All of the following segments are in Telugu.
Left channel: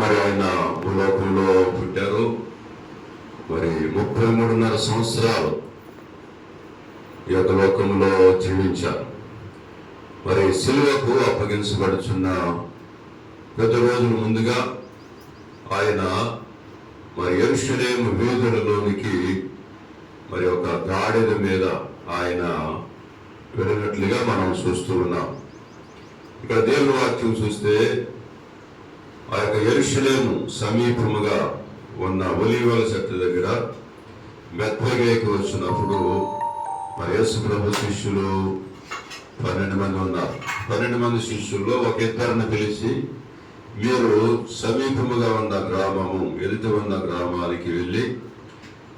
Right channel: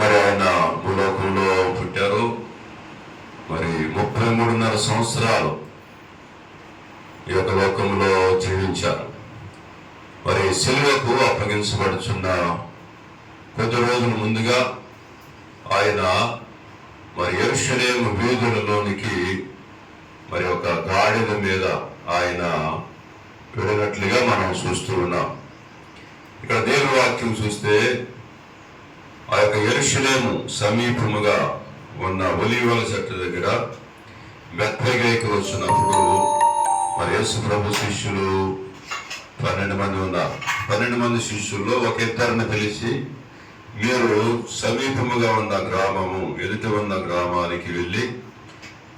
మరి ఆయన భూలోకంలో పుట్టారు. మరి 33.5 సంవత్సరాలు ఈ యొక్క లోకంలో జీవించారు. మరి సిలువకు అప్పగించబడుచున్న కొద్ది రోజుల ముందుగా ఆయన మరి యెరూషలేము వీధులలోనికి మరి ఒక గాడిద మీద ఆయన వెళ్ళినట్లుగా మనం చూస్తూ ఉన్నాం. ఇక్కడ దేవుని వాక్యం చూస్తే ఆ యొక్క యెరూషలేము సమీపముగా ఉన్న ఒలీవల చెట్టు దగ్గర బెత్లెహేముకి వచ్చినప్పుడు మరి యేసు ప్రభు శిష్యులు 12 మంది ఉన్నారు. 12 మంది శిష్యుల్లో ఒక ఇద్దరిని పిలిచి, మీరు సమీపముగా ఉన్న గ్రామము ఎదుట ఉన్న గ్రామానికి వెళ్ళి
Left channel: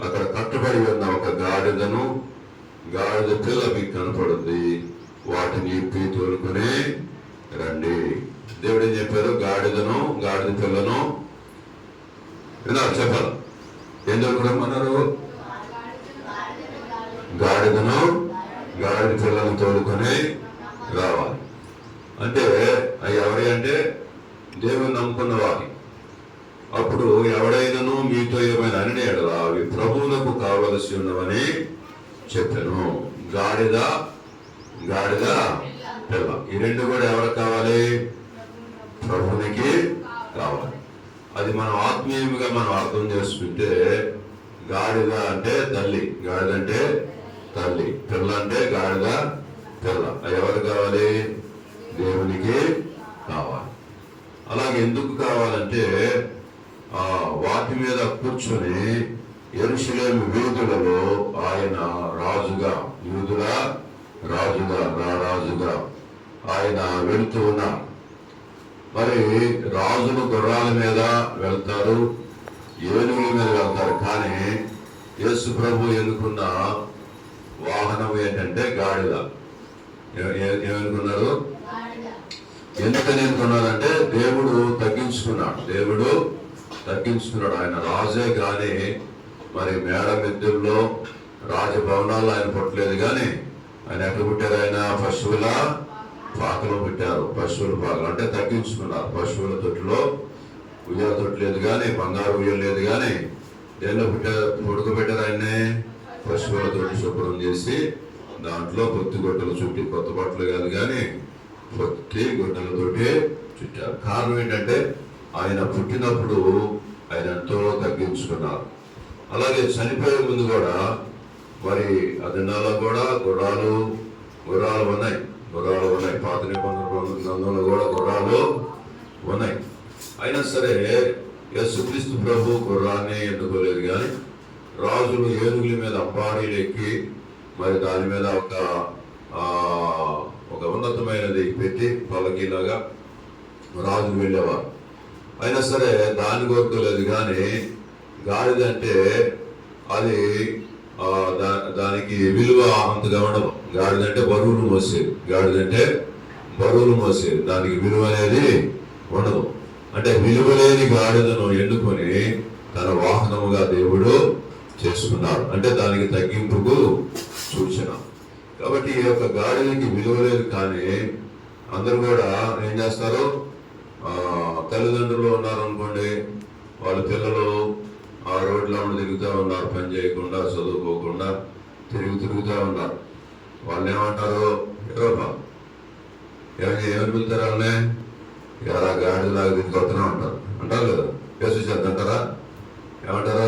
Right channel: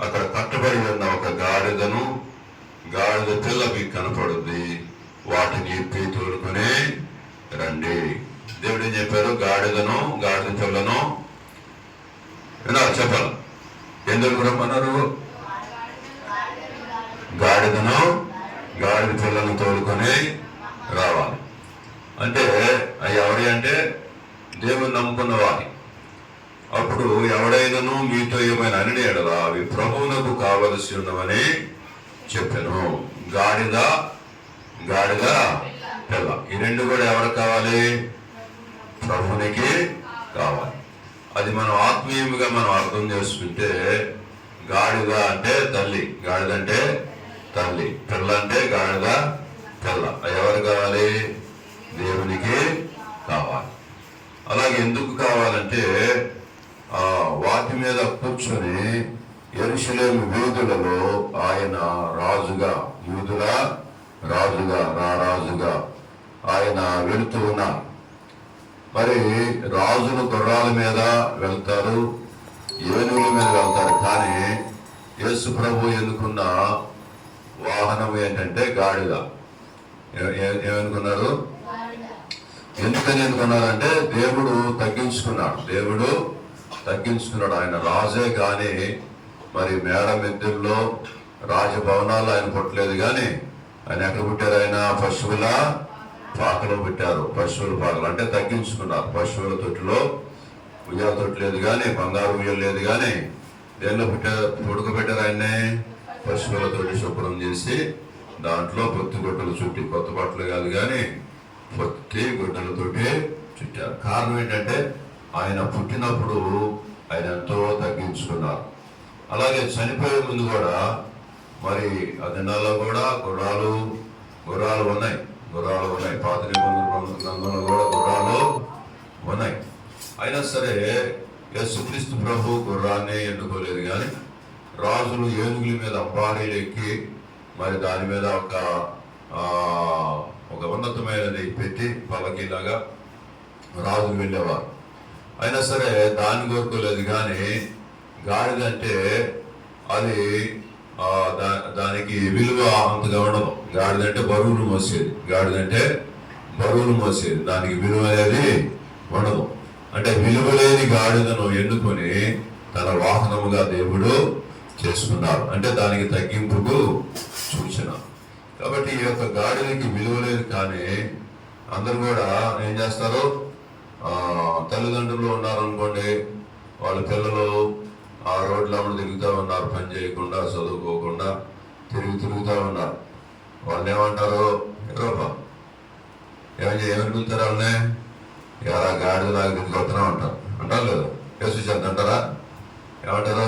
అక్కడ కట్టబడి ఉన్న ఒక గాడిద పిల్ల మీకు కనపడుద్ది, వాటిని ఇప్పి తోలుకొని రండి. దేవుడు ఏం చెప్పారు? గాడిద పిల్లను విన్నారు, చెప్పారు. ఎందుకు రమ్మన్నారు? గాడిద పిల్లను తోలుకొని రావాలి అంటే ఎవరి అంటే దేవుని నమ్ముకున్న వారి. అప్పుడు ఎవడైనాను మీతో ఏమైనా అని ఎడలా అవి ప్రభువులకు కావలసి ఉన్నవని చెప్పాను. గాడిద పిల్ల, ఈ రెండు కూడా ఎవరికి కావాలి? ప్రభువునికి కావాలి. అది మనం ఆత్మీయంగా మనం అర్థం చేసుకుంటే గాడిద అంటే తల్లి, గాడిద అంటే తల్లి, పిల్ల అంటే గాడిద పిల్ల. ఎవరు కావాలి? దేవునికి కావాలి. అలాగే ఎందుకు కావాలంటే వాటి మీద కూర్చొని యెరూషలేము వీధులలో ఆయన రాజుగా, యూదుల రాజుగా ఆయన వెళుతూ ఉన్నారు. మరి రాజులు గుర్రాల మీద వెళ్తారు, ఏనుగుల మీద వెళ్తారు. కానీ యేసు ప్రభు ఎన్నుకున్న వాహనం ఏంటంటే గాడిద. ఏమనుకున్నారు? ఎందుకని ఎన్నుకున్నారంటే దేవుడు తగ్గించుకున్నాడు. ఆయన రాజే కానీ మరి మేడ మిద్దెల్లో రాజభవనాలు ఆయన పుట్టలేదు. కానీ ఆయన ఎక్కడ పుట్టారు? ఆయన పశువుల పాకలో పెట్టారు. పశువుల పాకలు అంటే తగ్గించుకున్నారు. పశువుల తొట్టిలో ఉయ్యాల తొట్టి లేదు కానీ, బంగారు ఉయ్యలు లేదు కానీ, దేనిలో పడుకోబెట్టారు ఆయన్ని? పశువుల తోటి శుభ్రం చేసి దాంట్లో పొత్తి గుడ్డలు చుట్టి, కొత్త బట్టలు కాదు కానీ పొత్తి గుడ్డలతోటి చుట్టారు. కారణం ఏంటంటే ఆయన పుట్టినప్పుడు ఆయన ఎంతో తగ్గించుకున్నారు. అలాగే చనిపోయే ముందు కూడా మరి ఆ దినాల్లో కూడా గుర్రాలు ఉన్నాయి. పాత నిబంధనలో కూడా గుర్రాలు ఉన్నాయి. అయినా సరే యేసుక్రీస్తు ప్రభు గుర్రాన్ని ఎన్నుకోలేదు. కానీ రాజులు ఏనుగుల మీద అంబారీలు ఎక్కి మరి దాని మీద ఒక ఉన్నతమైనది పెట్టి పల్లకీలాగా రాజులు వెళ్ళేవారు. అయినా సరే దాన్ని కోరుకోలేదు. కానీ గాడిద అంటే అది దానికి విలువ అంతగా ఉండదు. గాడిద అంటే బరువులు మోసేది. దానికి విలువ అనేది ఉండదు. అంటే విలువ లేని గాడిదను ఎన్నుకొని తన వాహనముగా దేవుడు చేసుకున్నాడు. అంటే దానికి తగ్గింపుకు సూచన. కాబట్టి ఈ యొక్క గాడిదకి విలువ లేదు. కానీ అందరూ కూడా ఏం చేస్తారు? తల్లిదండ్రులు ఉన్నారనుకోండి, వాళ్ళ పిల్లలు ఆ రోడ్ల తిరుగుతూ ఉన్నారు, పని చేయకుండా, చదువుకోకుండా తిరుగుతూ ఉన్నారు. వాళ్ళు ఏమంటారు? ఏమని పిలుతారు వాళ్ళని? ఎలా గాడిలాగా తిరిగిపోతున్నా అంటారు లేదా? యేసు అంటారా? ఏమంటారు?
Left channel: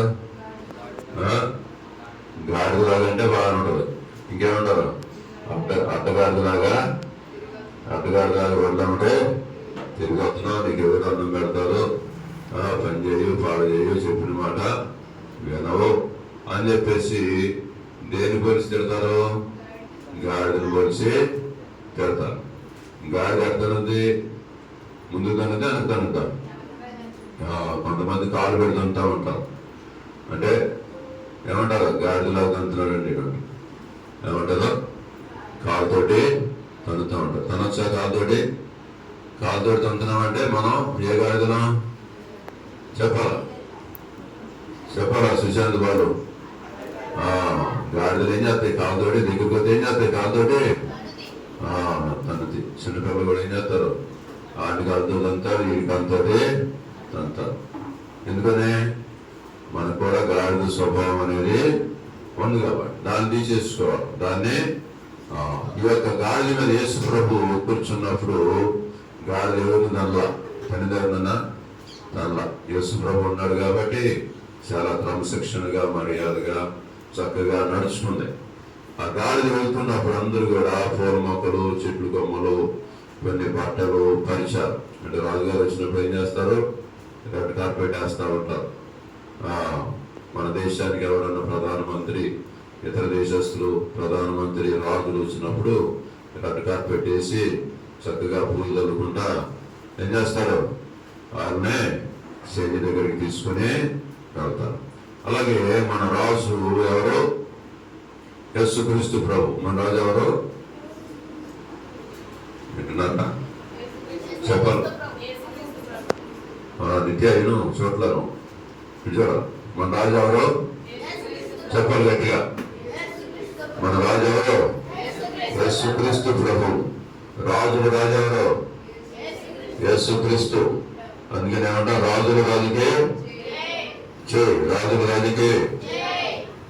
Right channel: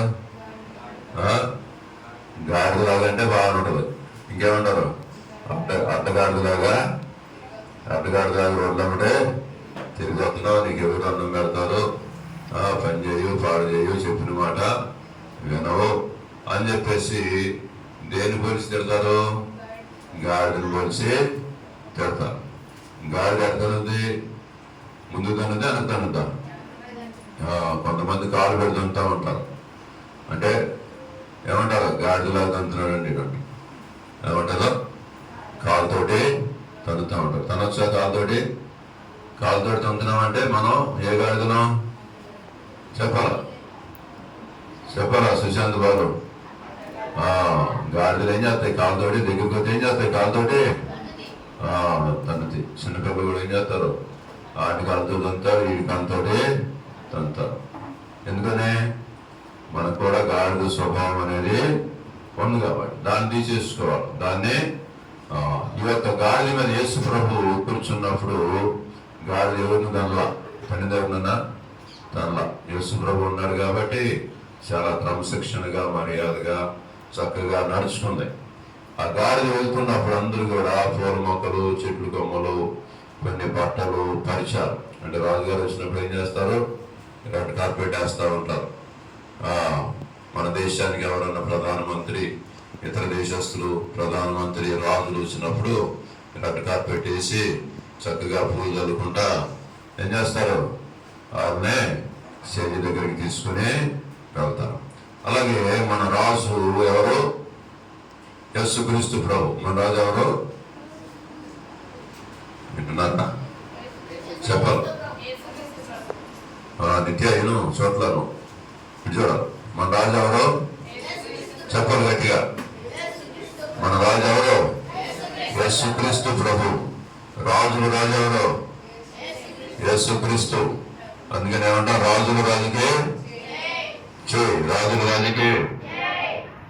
గాడిలాగా అంటే బాగానే ఉంటుంది. ఇంకేమంటారు? అడ్డగాడిలాగా రోడ్లమ్మటే తిరిగిపోతున్నావు, నీకు ఎవరు అన్నం పెడతారు, పని చేయు, పాడు చేయు, చెప్పిన మాట వినవు అని చెప్పేసి దేని పోలిసి తిడతారు? గాడిని పోలిసి తిడతారు. గాడిద ఎక్కడుంది? ముందు తన్నది, వెనక కొంతమంది కాలు పెడుతుంటా ఉంటారు. అంటే ఏమంటారు? గాడిదలాగా తంతున్నాడు అండి. ఏమంటారు? కాలుతోటి తన్నుతూ ఉంటారు. తనొచ్చా కాలుతోటి తంతున్నామంటే మనం ఏ గాడిదనం చెప్పాలా సుశాంత్ బాబు? గాడిదలు ఏం చేస్తాయి? కాలుతోటి దగ్గరికి వస్తే ఏం చేస్తాయి? కాలుతోటి తన్నుతాయి. చిన్నపిల్లలు కూడా ఏం చేస్తారు? ఆటి కాలుతో తంతారు, ఈ కాలుతోటి తంతారు. ఎందుకని మనకు కూడా గాడిద స్వభావం అనేది ఉంది కాబట్టి దాన్ని తీసేసుకోవాలి. దాన్ని ఈ యొక్క గాడిద మీద యేసు ప్రభు కూర్చున్నప్పుడు గాడిద ఎవరు తనలా పని దగ్గర తనలా యేసు ప్రభు ఉన్నాడు కాబట్టి చాలా క్రమశిక్షణగా మర్యాదగా చక్కగా నడుచుకుంది. ఆ గాడిద వెళ్తున్నప్పుడు అందరూ కూడా పూల మొక్కలు, చెట్లు కొమ్మలు, కొన్ని బట్టలు పరిచారు. అంటే రాజుగారు వచ్చినప్పుడు ఏం చేస్తారు? రెడ్ కార్పెట్ వేస్తూ ఉంటారు. మన దేశానికి ఎవరన్నా ప్రధానమంత్రి, ఇతర దేశస్తులు, ప్రధానమంత్రి, రాజులు వచ్చినప్పుడు రెడ్ కార్పెట్ వేసి చక్కగా పూలు చల్లుకుంటా ఏం చేస్తారు? వాళ్ళనే శైలి దగ్గరికి తీసుకుని వెళ్తారు. అలాగే మన రాజు ఎవరు? యేసుక్రీస్తు ప్రభు. మన రాజు ఎవరు? వింటున్నారా? చెప్పాలి. నిత్య అయిను చోట్లను చూడాలి. మన రాజు ఎవరు? చెప్పాలి గట్టిగా. మన రాజు ఎవరు? యేసుక్రీస్తు ప్రభు. రాజుల రాజు ఎవరు? యేసుక్రీస్తు. అందుకని ఏమంటారు? రాజుల రాజుకి జై, రాజుల రాజుకి,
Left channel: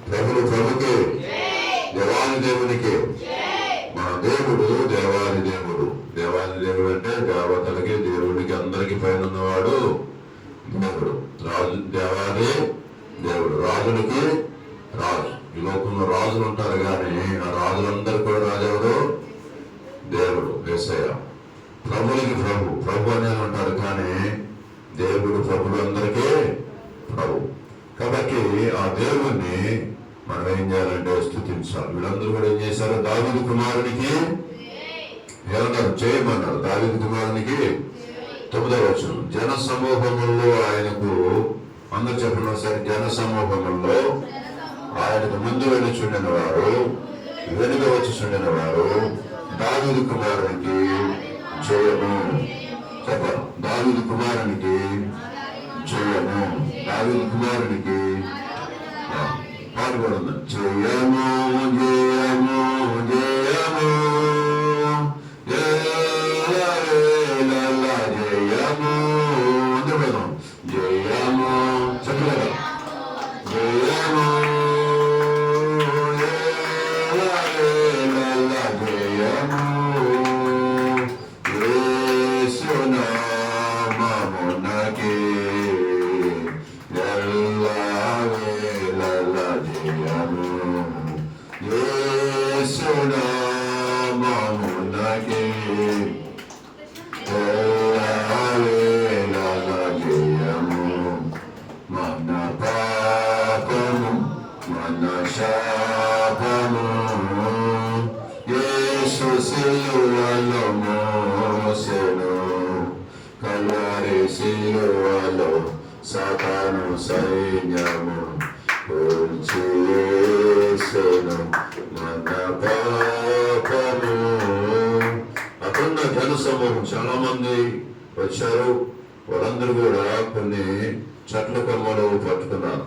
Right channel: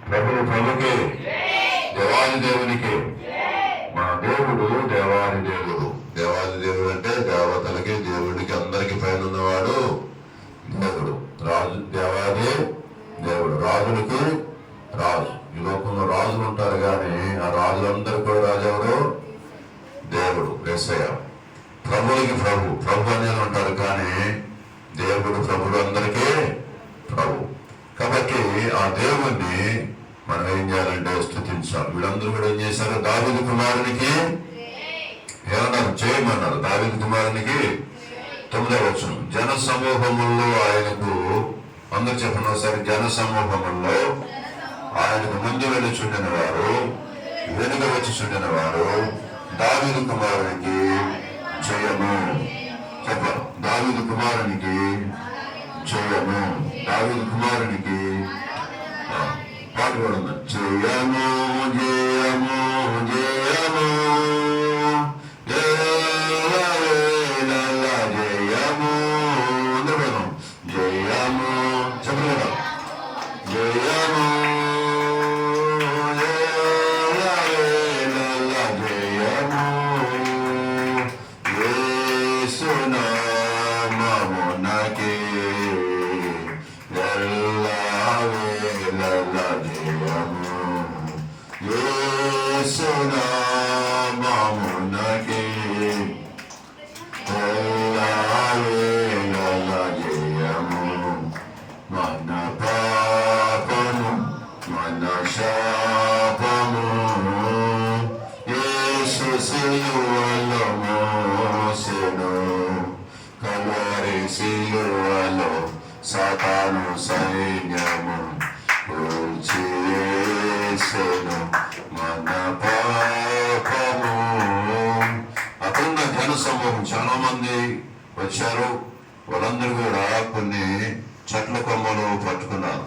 ప్రభులు ప్రభుకి, దేవాది దేవునికి. మన దేవుడు దేవాది దేవుడు. దేవాది దేవుడు అంటే దేవతలకి, దేవుడికి, అందరికి పైన ఉన్నవాడు దేవుడు. రాజు దేవాది దేవుడు, రాజులకి రాజు. ఈ లోకంలో రాజులు ఉంటారు కానీ ఆ రాజులందరూ కూడా రాజు ఎవరు? దేవుడు, యేసయ్య. ప్రభులకి ప్రభు, ప్రభు అని ఉంటారు కానీ దేవుడు ప్రభులు అందరికీ ప్రభు. కాబట్టి ఆ దేవుణ్ణి మనం ఏం చేయాలంటే స్తుతించాలి. వీళ్ళందరూ కూడా ఏం చేశారు? దావీదు కుమారునికి ఏమన్నారు? చేయమన్నారు. దావీదు కుమారునికి 9వ వచనం. జన సమూహముల్లో ఆయనకు, అందరూ చెప్పిన ఒకసారి, జన సమూహముల్లో ఆయనకు ముందు వెళ్ళుచుండిన వారు, వెనుక వచ్చి చుండిన వారు దావీదు కుమారునికి జయము. చెప్పాలి. దావీదు కుమారునికి జయము. దావీదు కుమారునికి పాట కూడా ఉంది. జయము జయము జయము జయము. అందరూ జయము చెప్పలేదా? జయము సాతాను సైన్యము చేసెను మన పాపము. అఖండ జన సమూహం చాలా మంది వచ్చారు. వాళ్ళందరూ కూడా కొన్ని చెట్ల కొమ్మలు పట్టుకున్నారు.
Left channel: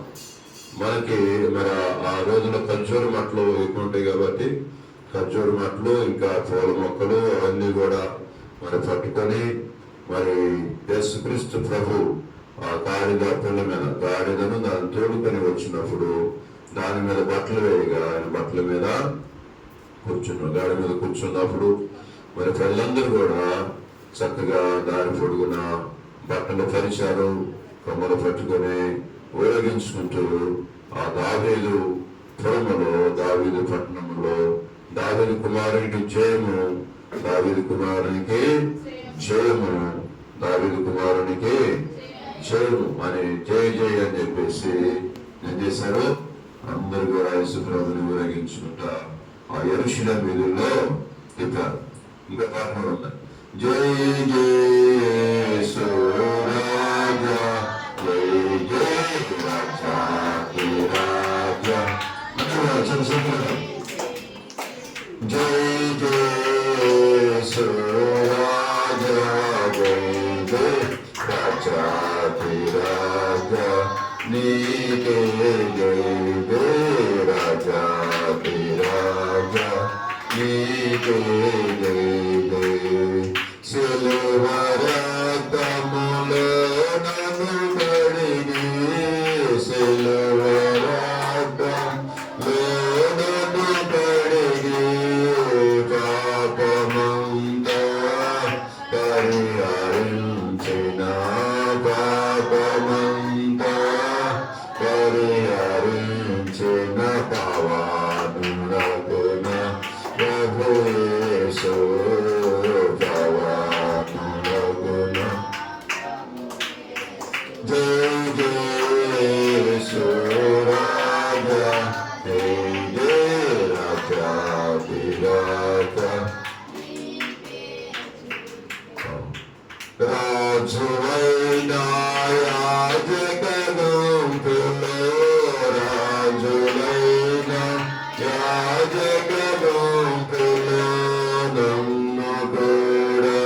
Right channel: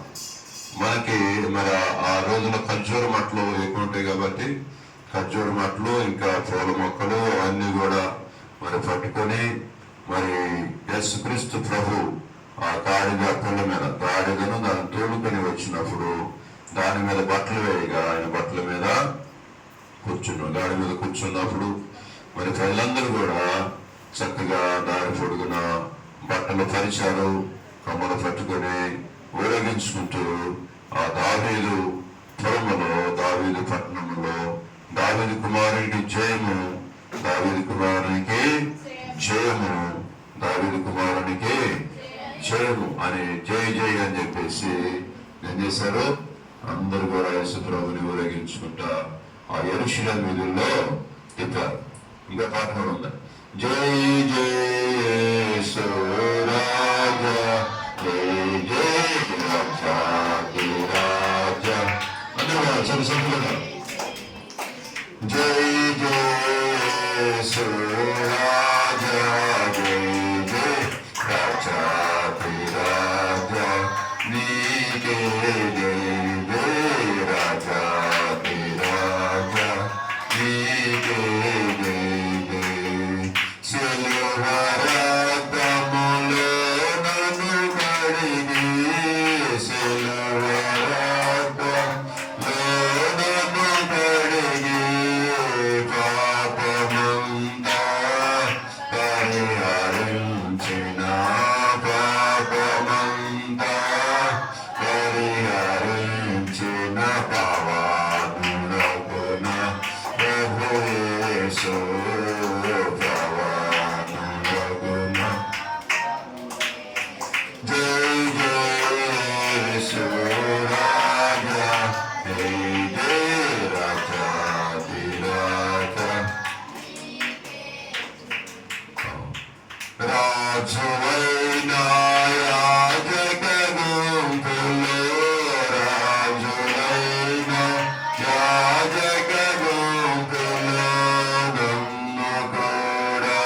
మనకి మరి ఆ రోజున ఖర్జూర మట్టలు ఎక్కువ ఉంటాయి కాబట్టి ఖర్జూర మట్టలు, ఇంకా పూల మొక్కలు అవన్నీ కూడా మరి పట్టుకొని మరి యేసుక్రీస్తు ప్రభు ఆ గాడిద కొండ మీద గాడిదను దాన్ని తోడుకొని వచ్చినప్పుడు దాని మీద బట్టలు వేయగా ఆయన బట్టల మీద కూర్చున్నాడు. గాడి మీద కూర్చున్నప్పుడు మరి ప్రజలందరూ కూడా చక్కగా దారి పొడుగున బట్టలు పరిచారు, కొమ్మలు పట్టుకొని ఊరేగించుకుంటూ ఆ దావీదు పురములో, దావీదు పట్టణంలో దావీదు కుమారునికి జయము, దావీదు కుమారునికి జయము, దావీదు కుమారునికి జయము అని జయ జయ అని చెప్పేసి ఏం చేశారు? అందరూ కూడా యేసు ప్రభుని ఊరేగించుకుంటా ఆ యెరూషలేము వీధుల్లో తిప్పారు. ఇంకా పాట కూడా ఉంది. జై జయ యేసు రాజా, జై జయ రాజా రాజా. చిన్న సింపుల్గా జై జయ యేసు రాజా, జై జయ రాజా రాజా, నీకే జయ జయ రాజా రాజా, నీకే జయ జయ. సిలువ రక్తములో నన్ను జయ జయ యేసు రాజా, జయ జయ రాజాధిరాజా. రాజువైన యాజకగుంపులో, రాజులైన యాజకగుంపులో నన్ను కూడా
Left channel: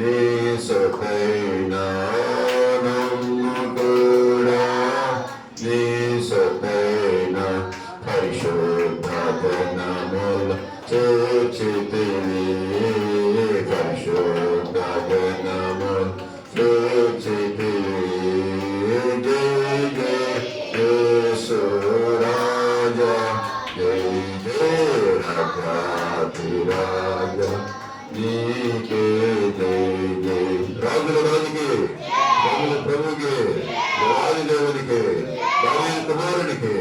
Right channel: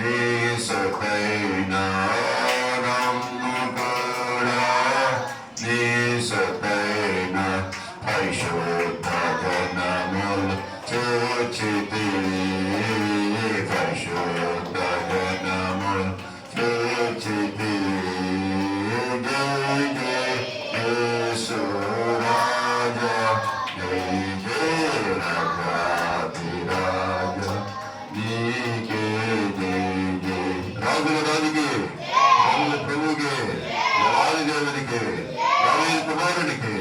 నీ సొత్తైన, నన్ను కూడా నీ సొత్తైన పరిశుద్ధ జనములు చేర్చితివి, పరిశుద్ధ జనములు చేర్చితివి. జయ జయ యేసు రాజా, జయ జయ రాజాధిరాజా, నీకే జయ జయ. రాజుల రాజుకి, ప్రభుల ప్రభుకి, దేవాది దేవునికి, దావీదు కుమారునికి.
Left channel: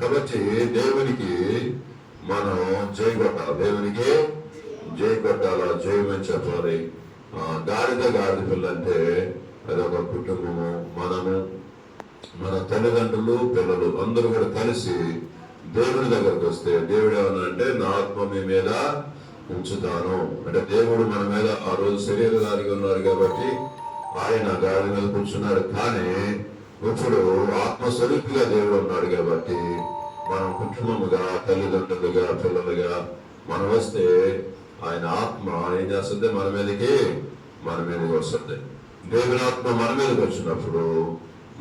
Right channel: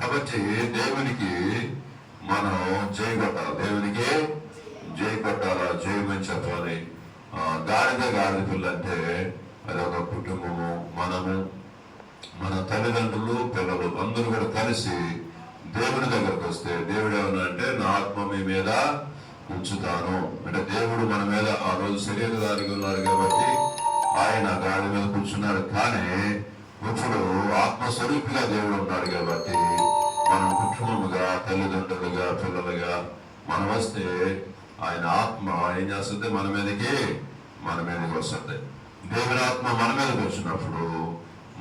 కాబట్టి దేవునికి మనం జై కొట్టాలి, దేవునికి జై కొట్టాలా, జయమని చెప్పాలి. గాడిద పిల్ల అంటే అదొక కుటుంబము. మనము, మన తల్లిదండ్రులు, పిల్లలు అందరూ కూడా కలిసి దేవుని దగ్గరకు వస్తే దేవుడు ఏమన్నా అంటే నా ఆత్మ మీ మీద ఉంచుతాను అంటే, దేవుడు మన మీద ఆ రోజు శరీరధారిగా ఉన్నారు కాబట్టి ఆయన గాడి మీద కూర్చున్నాడు. కానీ ఇప్పుడు ఆత్మస్వరూపిగా దేవుడు ఉన్నాడు కాబట్టి మనం కుటుంబముగా, తల్లిదండ్రులుగా, పిల్లలుగా మనం వస్తే ఆయన ఆత్మ ఏం చేస్తుంది, మన మీదకి వస్తుంది. దేవుని ఆత్మ మన మీదకి వచ్చినప్పుడు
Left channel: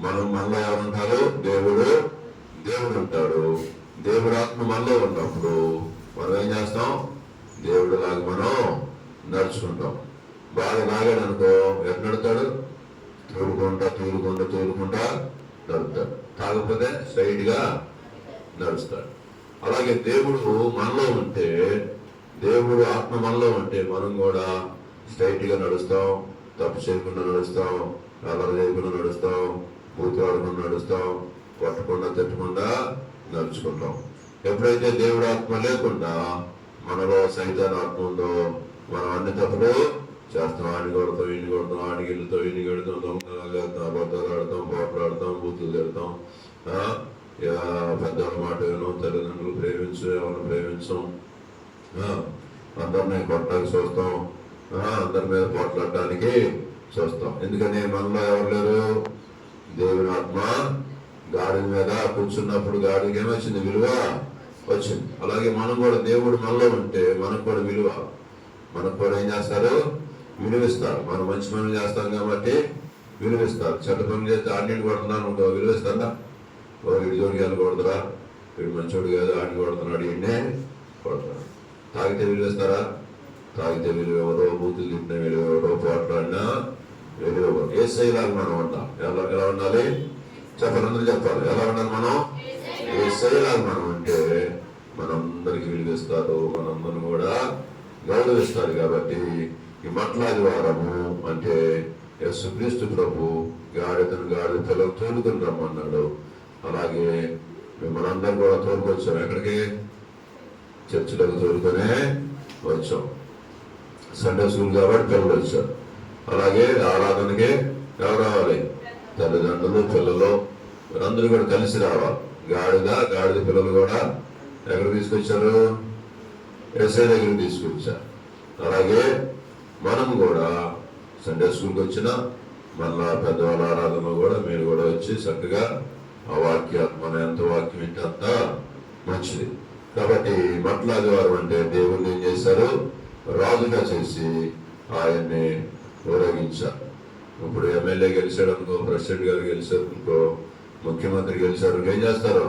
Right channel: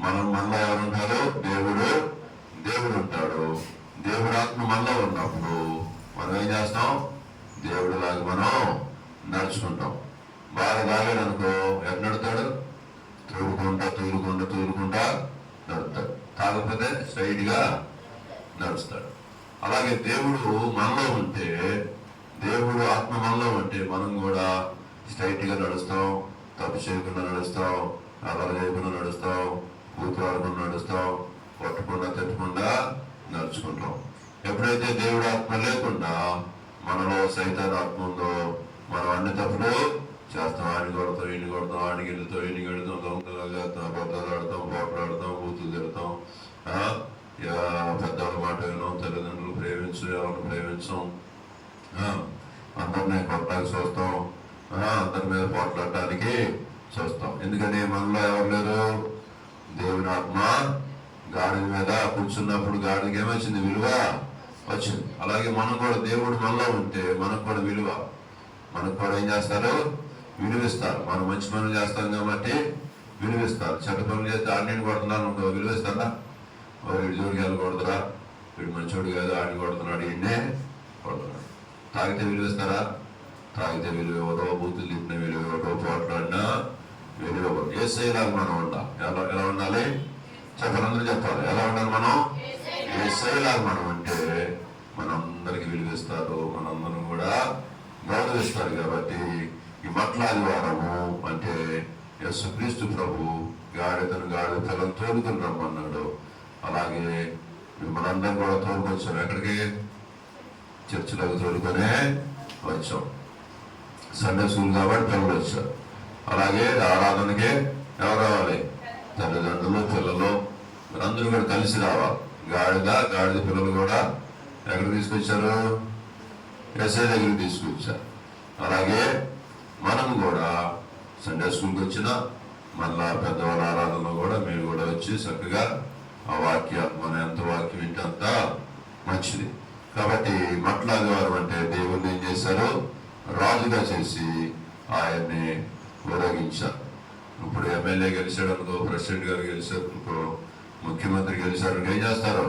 మనలో ఎవరుంటారు, దేవుడు ఉంటాడు. దేవుడి ఆత్మ మనలో ఉన్నప్పుడు మనం ఏం చేస్తాం, దేవుడు లాగా మనం నడుచుకుంటాం. బాగా తాగాడు అనుకో, ఎట్లా నడుతాడు, తూరుకుంటా నడుస్తాడు. తాగకపోతే స్ట్రైట్ గా నడుస్తాడు. అలాగే దేవుడు మనలో ఉంటే, దేవుడు ఆత్మ మనలో ఉంటే మనం కూడా స్ట్రైట్ గా నడుస్తాం, తప్పు చేయకుండా నడుస్తాం, అలా చేయకుండా నడుస్తాం, ఊపిరాడకుండా నడుస్తాం, పట్టకుండా తట్టకుండా నడుచుకుంటాం. ఎప్పుడైతే దేవుడు ఆత్మ లేకుండా మనలో సైతాన్ ఆత్మ ఉందో మనం అన్ని తప్పులు చేస్తాం. ఆడిని కొడతాం, ఇన్ని కొడతాం, ఆడికి ఇల్లుతాం, ఇన్ని కొడతాం, దొంగతాం, అబద్ధాలు ఆడతాం, పోట్లాడతాం, బూతులు తిడతాం, పెద్దవాళ్ళ మాట వినం, తల్లిదండ్రులు ప్రేమించు, ఎవరిని ప్రేమించం, అందరినీ కొట్టడానికి చూస్తాం, అందరి మీద పోట్లాడటానికి చూస్తాం. ఎందుకని మనలో ఎవరు లేరు, దేవుని ఆత్మ గాడి మీద కూర్చున్నప్పుడు గాడికి ఏమొచ్చింది, విలువ వచ్చింది. అలాగే మనం కూడా దేవుడు మనలో ఉంటే మనకు కూడా విలువ, మనకు కూడా ఏం చేస్తారు, విలువిస్తారు. మనం మంచి పనులు చేస్తాం కాబట్టి విలువిస్తారు. చెడ్డ పనులు చేస్తే ఆడిని కొడుతున్నాను అనుకో, విలువిస్తారా, వీడి జోడికి వెళ్ళకూడదురా, వీడు మంచోడు కాదు, ఆడిని కొడుతున్నాడు, ఈయన్నే కొడుతున్నాడు. తాగితే విలువిస్తారా, తాగితే విలువ ఎవరో, బూతులు తిట్టిన విలువ ఎవరో, పోట్లాడినా విలువ ఎవరో. యేసయ్యలాగా మనం ఉంటాం. ఎలా ఉండాలి చెప్పాలి, అందరూ చెప్పాలి. ఎలా ఉండాలి మనం, యేసయ్యలాగా మనం అంటే మనందరికి విలువిస్తారు, మనందరం కూడా గౌరవిస్తారు. కాబట్టి ఈ మట్లాది వారము అంటే యేసుక్రీస్తు ప్రభు గాడిద పిల్లలు తోడుకుని రమ్మన్నాడు. అలాగే మిమ్మల్ని అందరం కూడా తోడుకొచ్చాం. ఎక్కడికి, చర్చిలోకి తోడుకొనే వచ్చాం. సండే స్కూల్ కాబట్టి పిల్లలు వచ్చారు. అలాగే ఆరాధనకి ఎవరు రావాలి, తల్లిదండ్రులు, పిల్లలు వీరందరూ కూడా కలిసి రావాలి. గాడిద పిల్లలు కూడా ఎక్కడ తీసుకొచ్చారు, యేసయ్య దగ్గరికి తీసుకొచ్చారు. అలాగే మనం కూడా సండే స్కూల్కి వచ్చిన మళ్ళా పెద్దవాళ్ళ ఆరాధనలో కూడా మీరు కూడా వచ్చి చక్కగా ఆ వాక్యాలు, మన ఎంత వాక్యం వింటే అంత మంచిది. కాబట్టి మట్లాది వారం అంటే దేవుణ్ణి ఏం చేశారు, రాజుగా చేసి ఆయన్ని ఊరేగించారు. ఇప్పుడు ఎమ్మెల్యే గెలిచాడు అనుకో, ప్రెసిడెంట్ గారు గెలిచాడు అనుకో, ముఖ్యమంత్రి గెలిచాడు, ఏం చేస్తారు,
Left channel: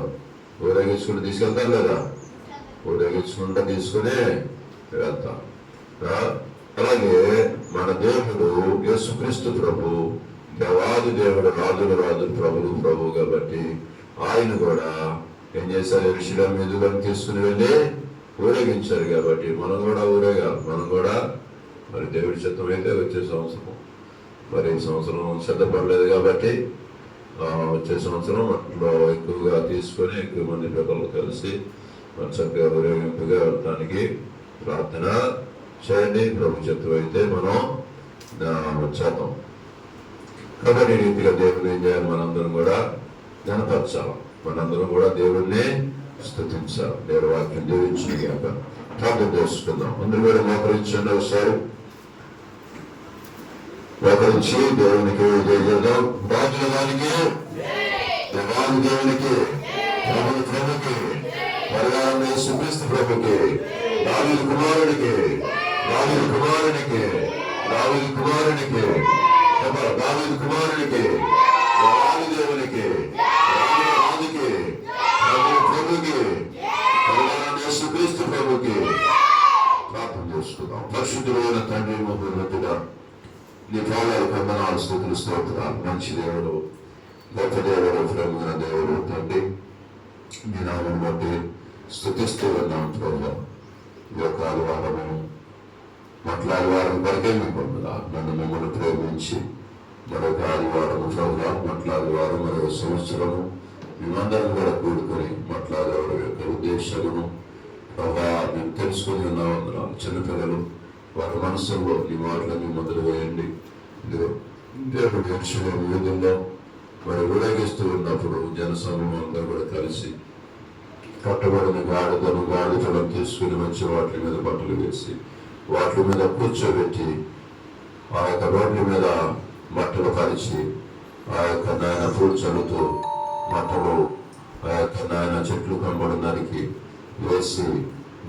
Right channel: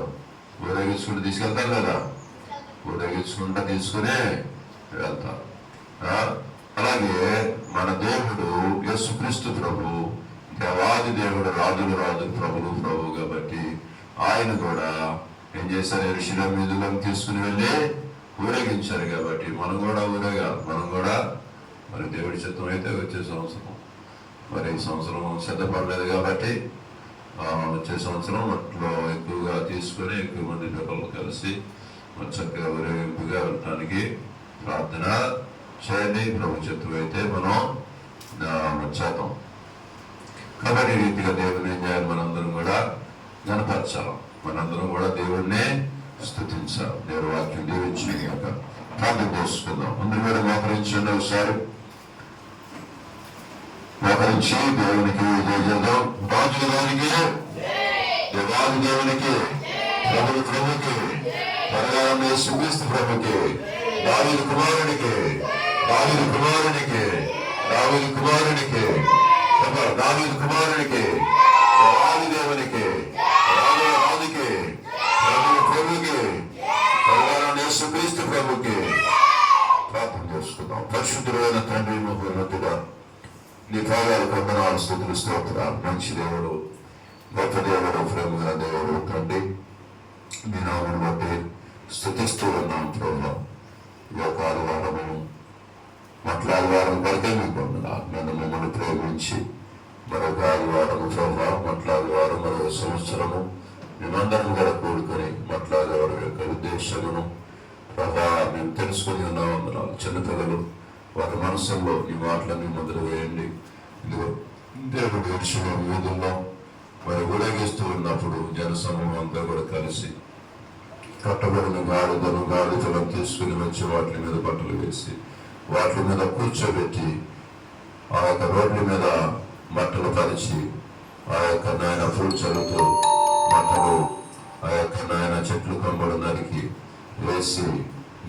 ఊరేగించుకుంటూ తీసుకెళ్తారు లేదా, ఊరేగించుకుంటూ తీసుకునే వెళ్తారు. అలాగే మన దేవుడు యేసుక్రీస్తు ప్రభు దేవాది దేవుడు, రాజులు రాజు, ప్రభులు ప్రభు కాబట్టి ఆయన కూడా ఏం చేశారు, యెరూషలేము మీదులను తీసుకుని వెళ్ళి ఊరేగించారు. కాబట్టి మనం కూడా ఊరేగాలి. మనం కూడా మరి దేవుడి చిత్తం అయితే వచ్చే సంవత్సరం, మరి ఈ సంవత్సరం సిద్ధపడలేదు కాబట్టి వచ్చే సంవత్సరం వాటిలో ఎక్కువగా తీసుకొని ఎక్కువ మంది పిల్లలు కలిసి మరి చక్కగా ఊరేగింపుగా వెళ్ళటానికి ప్రార్థన చేయండి. ప్రభు చిత్తం అయితే మనం చేద్దాం. కాబట్టి ఈ రీతిగా దేవుని ఏం చేయాలి? మనందరం కూడా గణపరచాలి, మనందరం కూడా దేవుణ్ణి స్తుతించాలి. దేవుడి వాక్యం దీవించి కనుక ప్రార్థన చేసుకుందాం. అందరూ కూడా మోకరించండి, ఒకసారి మోకరించి దేవునికి చేద్దాం. రాజుల దానికి, దేవాలు దేవునికి, ప్రభువు ప్రభుకి, బలగారం యేసుక్రీస్తు ప్రభుకి, దావీదు కుమారునికి, దావీదు కుమారునికి, దావీదు కుమారునికి, దావీదు కుమారునికి, దేవాలు దేవునికి, రాజుకి, ప్రభువు ప్రభుకి, బలగారం యేసుక్రీస్తు ప్రభుకి ప్రార్థన చేసుకుందాం. పరిశుద్ధులైన తండ్రి, ముఖ్యమంత్రిగా నీ పాదాలు వందనాలు, స్తుతులు, స్తోత్రాలు. మంచి దేవుడు, గొప్ప దేవుడు, ప్రేమగా దేవుడు తండ్రి, మీ నామను బట్టి స్తుతిస్తూ ఉన్నాం ప్రభు. ఈ యొక్క ఆదివారము ఆదివారం కొరకే మీకు వందనాలు. నన్ను మిమ్మల్ని ప్రేమించి మరొక ఆదివారము ప్రభు, ఆదివారం మరొక సంవత్సరము మేమందరం కూడా కూడుకొని ఆదివారం యొక్క ఉద్దేశమును ప్రభా మేము తెలుసుకొని ఉన్నాం. వందనాలు. చిన్నపిల్లలు వారి మనసుల్లో ఈ మాటలన్నీ మొదలు వేయండి. ఇదిగో దేవుడి దర్శనం వీధుల్లో మరి ఊరేగిస్తూ ఉన్నప్పుడు జనసమూహం అంతా కూడా కలిసి కట్టబడిన గాడిదలను తీసుకుని వచ్చి వాటి మీద బట్టలు వేసి వాటి మీద కూర్చోబెట్టి ఆ యొక్క రోడ్ల మీద బట్టలు పరిచి ఆ యొక్క నాయన ఫ్రూట్ చల్లుతూ బట్టలు ఆ యొక్క నాయన చెట్లు కంబలు నరికి వేసి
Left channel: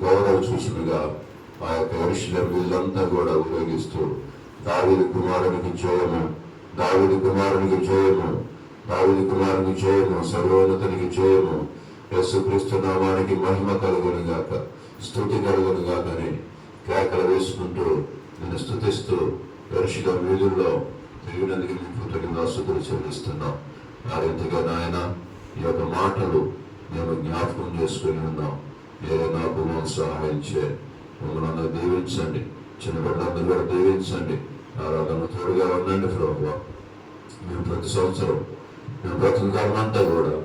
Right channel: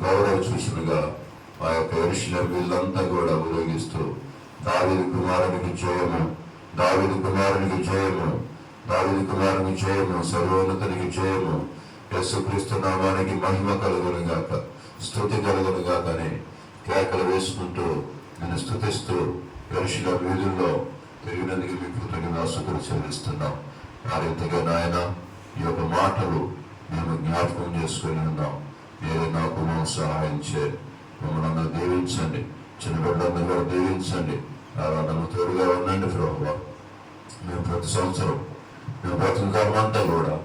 గౌరవ చూసినగా ఆ యొక్క యెరూషలేము వీళ్ళంతా కూడా ఊరేగిస్తూ దావీదు కుమారునికి జయము, దావీదు కుమారునికి జయము, దావీదు కుమారునికి జయము, సర్వోన్నతునికి జయము, యేసుక్రీస్తు నామానికి మహిమ కలుగును గాక, స్తుతి కలుగును గాక అని కేకలు వేసుకుంటూ నేను స్తుతిస్తూ యెరూషలేము వీధుల్లో తిరిగినందుకు మీకు కృతజ్ఞతాస్తుతులు చెల్లిస్తున్నాం. ఆ రీతిగా నాయన ఈ యొక్క మాటలు మేము జ్ఞాపకం చేసుకుని ఉన్నాం. ఏదో నాకు సహాయం చేయ, మమ్మల్ని అందరూ దీవించండి, చిన్న బిడ్డలందరూ కూడా దీవించండి. ఆరాధన తోడుగా ఉండండి ప్రభువా. మేము ప్రతి సంవత్సరం మేము బ్రతుకు కాలం అంతా కూడా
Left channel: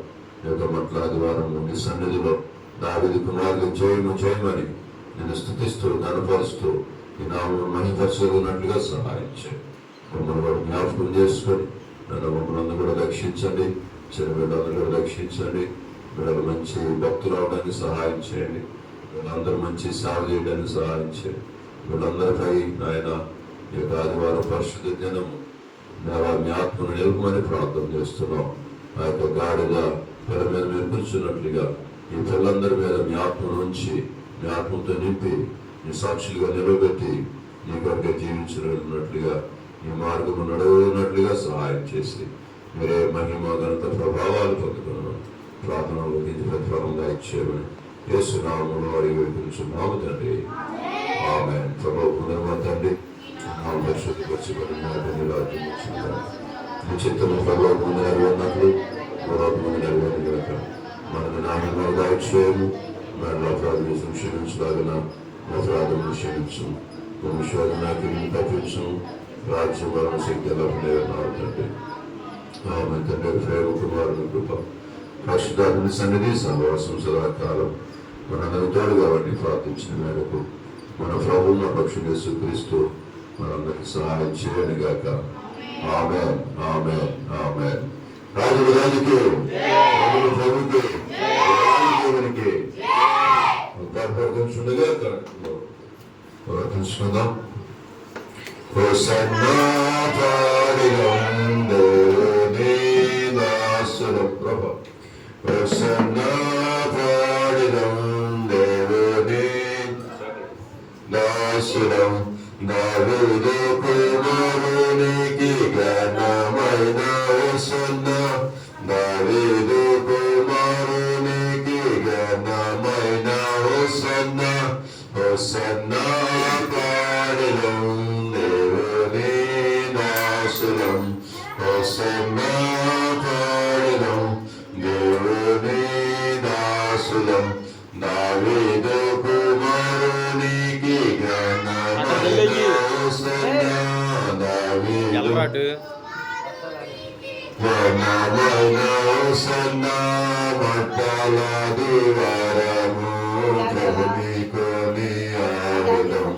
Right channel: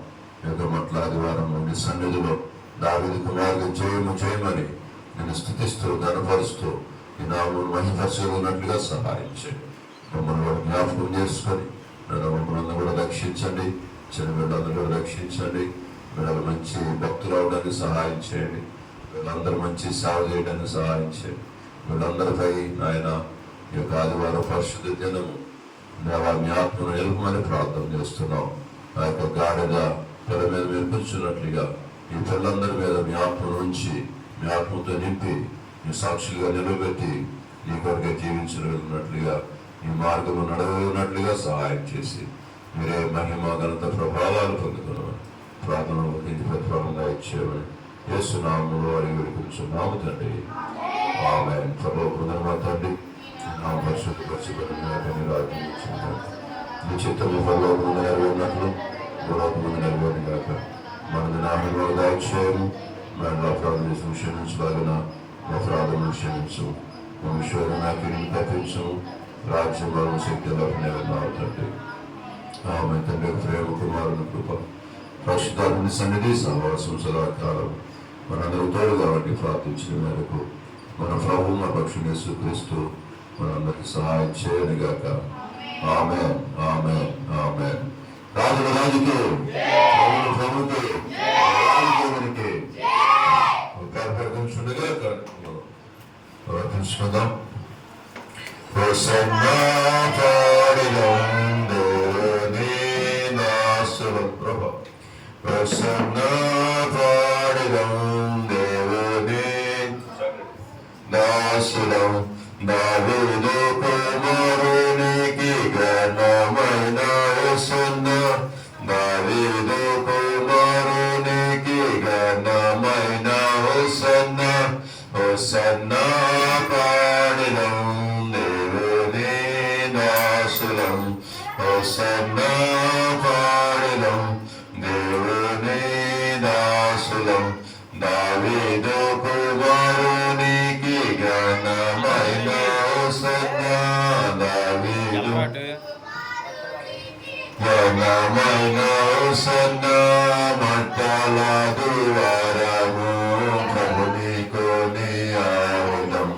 ఈ యొక్క ఆదివారం నుండి సన్నిధిలో దావీదు కుమారుడు జయమని నేను స్తుతిస్తూ గణపరుస్తూ ఈ నామమును మహిమపరచగలిగినట్లుగా సహాయం చేయండి. మమ్మల్ని కూడా జ్ఞాపకం చేసుకొని మమ్మల్ని కూడా రక్షించండి, చిన్న బిడ్డలందరూ కూడా రక్షించండి. బిడ్డలు మంచి భక్తులు అవడానికి సహాయం చేయండి, వీళ్ళందరూ మంచి సేవ చేయడానికి సహాయం చేయండి. వీళ్ళందరిపై ఆయన ఈ యొక్క ఆదివారం పరిశుద్ధ దినము మీ ఆత్మను నిలపమని ప్రార్థన చేస్తున్నాం. ఆ యొక్క గాడిద పిల్ల మీద మీరు కూర్చున్నట్లుగా ఈ పిల్లలందరి మీద మీ ఆత్మను ఉంచి మీ ఆత్మతో నింపి మీ సాక్షులుగా నిలబెట్టి నీ కొరకే జీవించగలిగినట్లుగా మీ మార్గము నడవనట్లుగా సహాయం చేసి మీరే మహిమ ఘనత ప్రభావాలు పొందుకున్నామని ప్రార్థన ప్రతిఫలంగా ఇచ్చేవని యేసునామములో అడిగి వేడుకుంటున్నాము తండ్రి. ఆమేన్. ప్రభువు తండ్రి నా పరిశుద్ధ రాజ్యం మీ చిత్తము పరలోకమందు నెరవేరినట్లు భూలోకమందు నెరవేరును గాక. మనది నామములో దాయిచేయము, మన అపరాధం క్షమించలాగిన అపరాధములు క్షమించు, వంశోధనాకి తప్పించు, రాజ్యం శక్తి ఎలా తండ్రి. ఆమె తండ్రి ప్రేమ కుమారుని కృప పరిశుద్ధాత్మ సన్నిధి సహవాసం సదాకాలం మనందరూ తోడుగా వంటి ప్రార్థించిన మేరకు మన ప్రభువు మన పక్షుని యేసుక్రీస్తు మనందరికీ సహాయం చేయను గాక. ఆమేన్, ఆమేన్, ఆమేన్. రాజుల రాజుకి, ప్రభువుల ప్రభువుకి, దేవునికి ప్రార్థించుండగా ప్రార్థించుకుందాం. హోసన్నా పాడిరం దేవుని దాసుల ప్రభ, హోసన్నా పాడిరం దేవుని దాసులం, దావీదు కుమారునికి ఘనమైన హోసన్నా, దావీదు కుమారునికి ఘనమైన హోసన్నా, హోసన్నా పాడిరం దేవుని దాసులం, హోసన్నా పాడిరం దేవుని దాసులం, దావీదు కుమారునికి ఘనమైన హోసన్నా, దావీదు ఘనమైన హోసన్నా, మంటల ద్వారము ప్రభుని కొని ఆవుదం,